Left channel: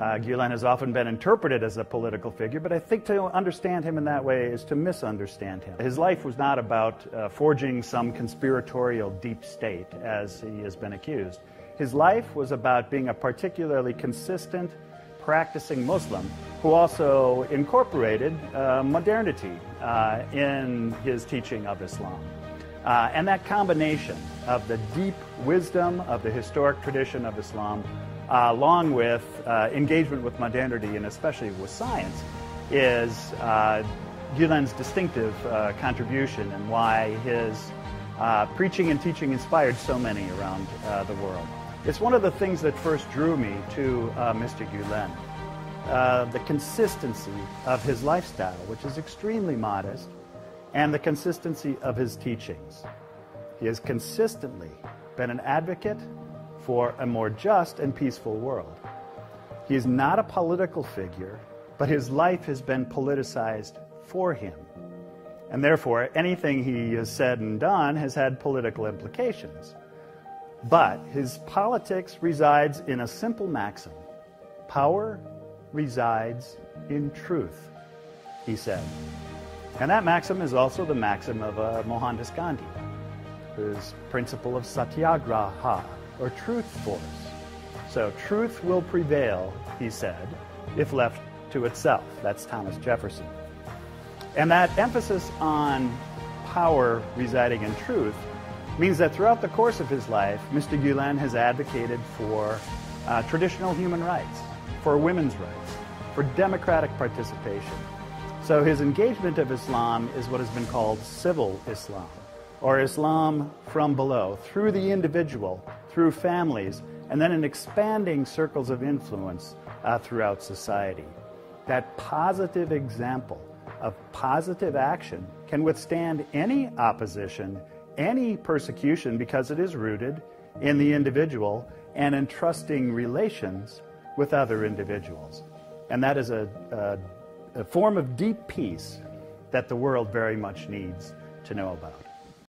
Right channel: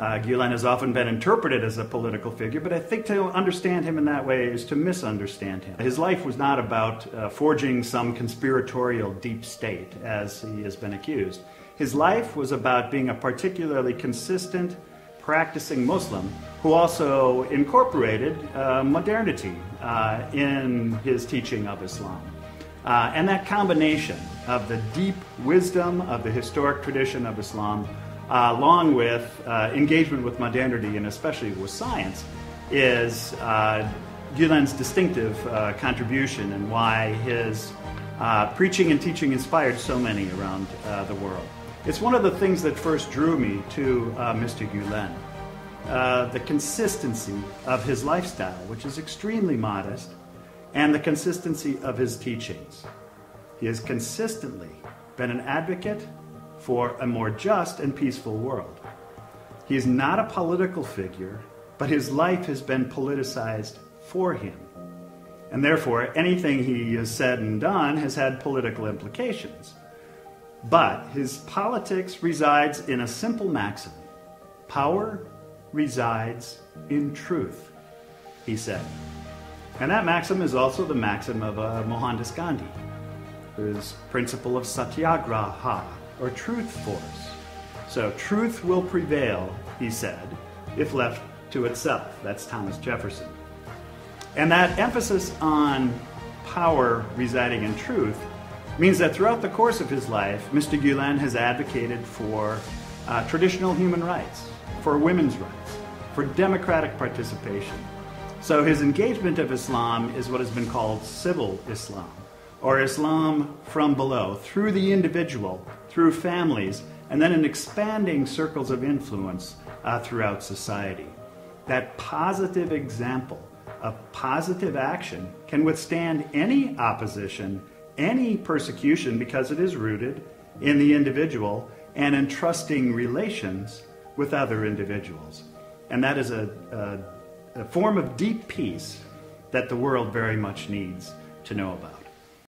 Gulen has often been interpreted as a political figure, but I think to understand him in that way is to misunderstand him. His life was not about forging some conspiratorial deep state, as he has been accused. His life was about being a particularly consistent, practicing Muslim who also incorporated modernity in his teaching of Islam. And that combination of the deep wisdom of the historic tradition of Islam, along with engagement with modernity and especially with science, is Gulen's distinctive contribution and why his preaching and teaching inspired so many around the world. It's one of the things that first drew me to Mr. Gulen. The consistency of his lifestyle, which is extremely modest, and the consistency of his teachings. He has consistently been an advocate for a more just and peaceful world. He is not a political figure, but his life has been politicized for him. And therefore, anything he has said and done has had political implications. But his politics resides in a simple maxim. Power resides in truth, he said. And that maxim is also the maxim of Mohandas Gandhi, whose principle of satyagraha, or truth force. So truth will prevail, he said, if left to itself. That's Thomas Jefferson. And that emphasis on power residing in truth means that throughout the course of his life, Mr. Gulen has advocated for traditional human rights, for women's rights, for democratic participation. So his engagement of Islam is what has been called civil Islam, or Islam from below, through the individual, through families, and then in expanding circles of influence throughout society. That positive example of positive action can withstand any opposition, any persecution, because it is rooted in the individual and in trusting relations with other individuals. And that is a form of deep peace that the world very much needs to know about.